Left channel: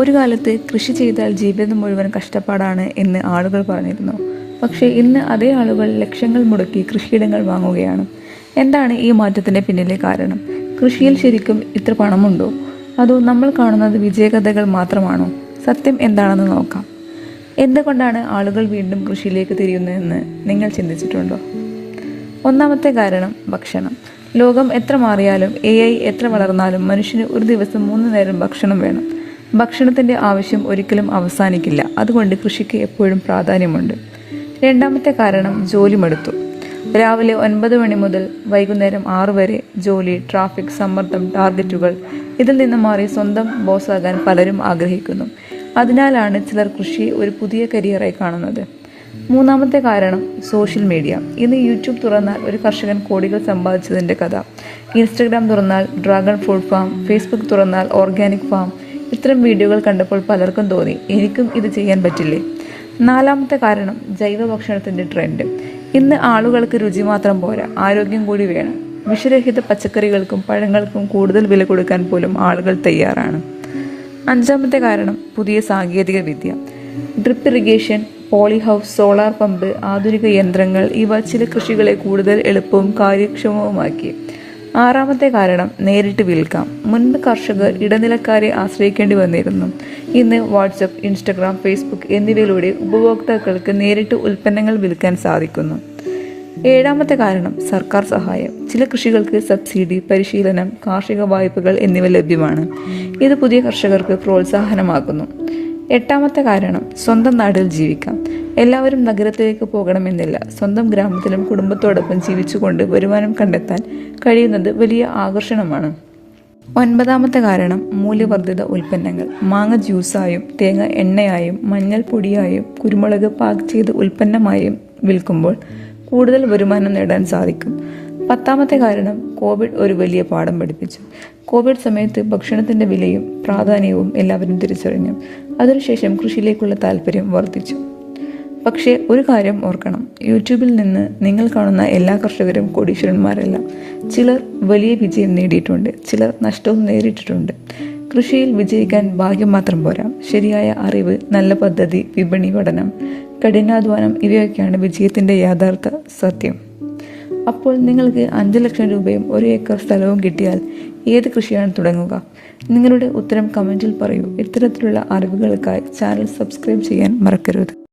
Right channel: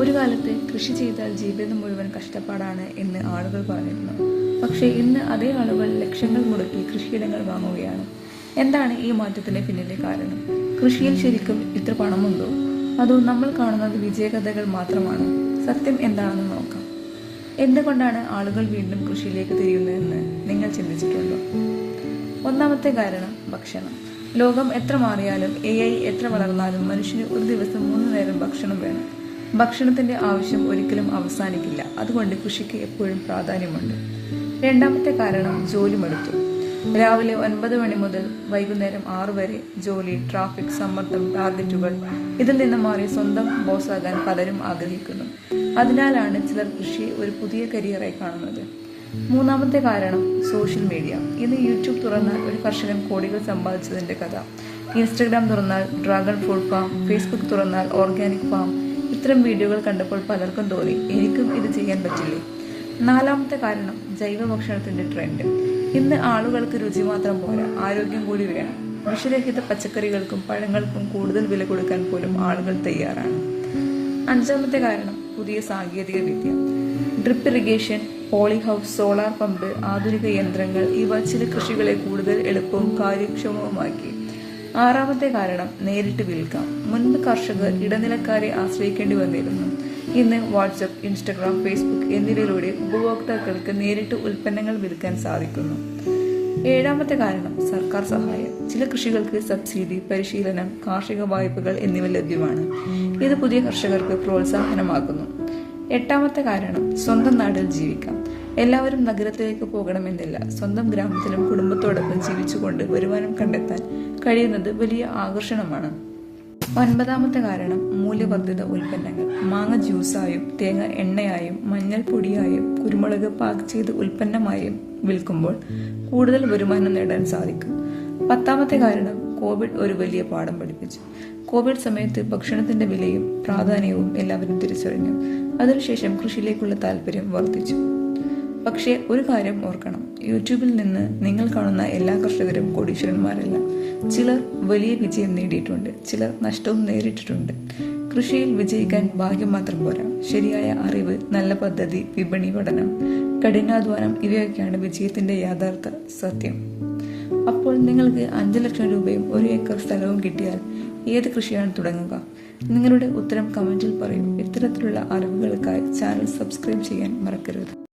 ഒരു കാലത്ത് കൃഷി ചെയ്താൽ ജീവിതം മുഴുവൻ കഷ്ടപ്പാടാണ് എന്ന് ആളുകൾ പറഞ്ഞിരുന്നു. പക്ഷേ ഇന്ന് അതേ ആളുകൾ ലക്ഷങ്ങൾ മുടക്കി കൃഷിയിടങ്ങൾ വാങ്ങുകയാണ്. എന്താണ് ഈ മാറ്റത്തിന് പിന്നിലെ കാരണം? കൃഷിയിൽ ശരിക്കും ഇത്ര പണമുണ്ടോ? അതോ നമ്മൾ കാണുന്നത് വിജയകഥകൾ മാത്രമാണോ? സത്യം എന്താണെന്ന് നോക്കാം. എന്തുകൊണ്ടാണ് ആളുകൾ വീണ്ടും കൃഷിയിലേക്ക് തിരിയുന്നതെന്ന് നിങ്ങൾ ചിന്തിച്ചിട്ടുണ്ടോ? ഒന്നാമത്തെ കാരണം ഭക്ഷണം. ലോകം എത്ര മാറിയാലും AI എത്ര വളർന്നാലും മനുഷ്യന് ഒരു ദിവസം 3 നേരം ഭക്ഷണം വേണം. ഭക്ഷണത്തിൻ്റെ ആവശ്യം ഒരിക്കലും അവസാനിക്കില്ല. അതുകൊണ്ട് കൃഷിക്ക് എപ്പോഴും പ്രാധാന്യമുണ്ട്. രണ്ടാമത്തെ കാരണം ജോലി മടുത്തു. രാവിലെ 9 മണി മുതൽ വൈകുന്നേരം 6 വരെ ജോലി, ട്രാഫിക്, സമ്മർദ്ദം, ടാർഗറ്റുകൾ. ഇതിൽ നിന്ന് മാറി സ്വന്തം ബോസാകാൻ പലരും ആഗ്രഹിക്കുന്നു. അതിനാലാണ് ചിലർ കൃഷിയെ ഒരു പുതിയ കരിയറായി കാണുന്നത്. മൂന്നാമത്തെ കാരണം സോഷ്യൽ മീഡിയ. ഇന്ന് യൂട്യൂബ് തുറന്നാൽ ഒരു കർഷകൻ കോടികൾ സമ്പാദിച്ചതിൻ്റെ കഥ. ഇൻസ്റ്റഗ്രാം തുറന്നാൽ ഡ്രാഗൺ ഫ്രൂട്ട് ഫാം, ഫേസ്ബുക്ക് തുറന്നാൽ ഓർഗാനിക് ഫാം. ഇത്തരം വീഡിയോകൾ കണ്ടപ്പോൾ പലർക്കും തോന്നി, എനിക്കും ഇത് ചെയ്യാൻ പറ്റില്ലേ? നാലാമത്തെ കാരണം ജൈവ ഭക്ഷണത്തിൻ്റെ ട്രെൻഡ്. ഇന്ന് ആളുകൾക്ക് രുചി മാത്രം പോരാ, ആരോഗ്യം കൂടി വേണം. വിഷരഹിത പച്ചക്കറികൾക്കും പഴങ്ങൾക്കും കൂടുതൽ വില കൊടുക്കാൻ പോലും ആളുകൾ തയ്യാറാണ്. അഞ്ചാമത്തെ കാരണം പുതിയ സാങ്കേതിക വിദ്യ. Drip irrigation, poly house, solar pump, ആധുനിക യന്ത്രങ്ങൾ ഇവ ചില കൃഷികളെ കൂടുതൽ എളുപ്പവും കാര്യക്ഷമവുമാക്കി. ആറാമത്തെ കാരണം നേരിട്ട് വിൽക്കാം. മുൻപ് കർഷകർ ഇടനിലക്കാരെ ആശ്രയിക്കേണ്ടി വന്നിരുന്നു. ഇന്ന് വാട്സപ്പ്, ഇൻസ്റ്റഗ്രാം, ഫേസ്ബുക്ക് എന്നിവയിലൂടെ ഉപഭോക്താക്കൾക്ക് നേരിട്ട് ഉൽപ്പന്നങ്ങൾ വിൽക്കാൻ സാധിക്കുന്നു. ഏഴാമത്തെ കാരണം സർക്കാർ സഹായം. ചില കൃഷികൾക്ക് സബ്സിഡി, പരിശീലനം, കാർഷിക വായ്പകൾ എന്നിവ ലഭ്യമാണ്. ഇത് പുതിയ കർഷകർക്ക് പ്രോത്സാഹനമാകുന്നു. എട്ടാമത്തെ കാരണം സ്വന്തം നാട്ടിൽ ജീവിക്കാം. എല്ലാവരും നഗരത്തിലേക്ക് പോകണമെന്നില്ല. സ്വന്തം ഗ്രാമത്തിലും കുടുംബത്തോടൊപ്പം ജീവിച്ചുകൊണ്ട് വരുമാനം കണ്ടെത്താൻ കഴിയുന്നത് വലിയ ആകർഷണമാണ്. ഒൻപതാമത്തെ കാരണം മൂല്യവർദ്ധിത ഉൽപ്പന്നങ്ങൾ. മാങ്ങ ജ്യൂസായും തേങ്ങ എണ്ണയായും മഞ്ഞൾ പൊടിയായും കുരുമുളക് പാക്ക് ചെയ്ത് ഉൽപ്പന്നമായും വിൽക്കുമ്പോൾ കൂടുതൽ വരുമാനം നേടാൻ സാധിക്കും. പത്താമത്തെ കാരണം കോവിഡ് ഒരു വലിയ പാഠം പഠിപ്പിച്ചു. കോവിഡ് സമയത്ത് ഭക്ഷണത്തിൻ്റെ വിലയും പ്രാധാന്യവും എല്ലാവരും തിരിച്ചറിഞ്ഞു. അതിനുശേഷം കൃഷിയിലേക്കുള്ള താല്പര്യം വർദ്ധിച്ചു. പക്ഷേ ഒരു കാര്യം ഓർക്കണം, യൂട്യൂബിൽ നിന്ന് നിങ്ങൾ കാണുന്ന എല്ലാ കർഷകരും കോടീശ്വരന്മാരല്ല. ചിലർ വലിയ വിജയം നേടിയിട്ടുണ്ട്, ചിലർ നഷ്ടവും നേരിട്ടിട്ടുണ്ട്. കൃഷിയിൽ വിജയിക്കാൻ ഭാഗ്യം മാത്രം പോരാ, ശരിയായ അറിവ്, നല്ല പദ്ധതി, വിപണി പഠനം, കഠിനാധ്വാനം ഇവയൊക്കെയാണ് വിജയത്തിൻ്റെ യഥാർത്ഥ സത്യം. അപ്പോൾ നിങ്ങൾക്ക് 5 ലക്ഷം രൂപയും 1 ഏക്കർ സ്ഥലവും കിട്ടിയാൽ ഏത് കൃഷിയാണ് തുടങ്ങുക? നിങ്ങളുടെ ഉത്തരം കമൻറ്റിൽ പറയൂ. ഇത്തരത്തിലുള്ള അറിവുകൾക്കായി ചാനൽ സബ്സ്ക്രൈബ് ചെയ്യാൻ മറക്കരുത്.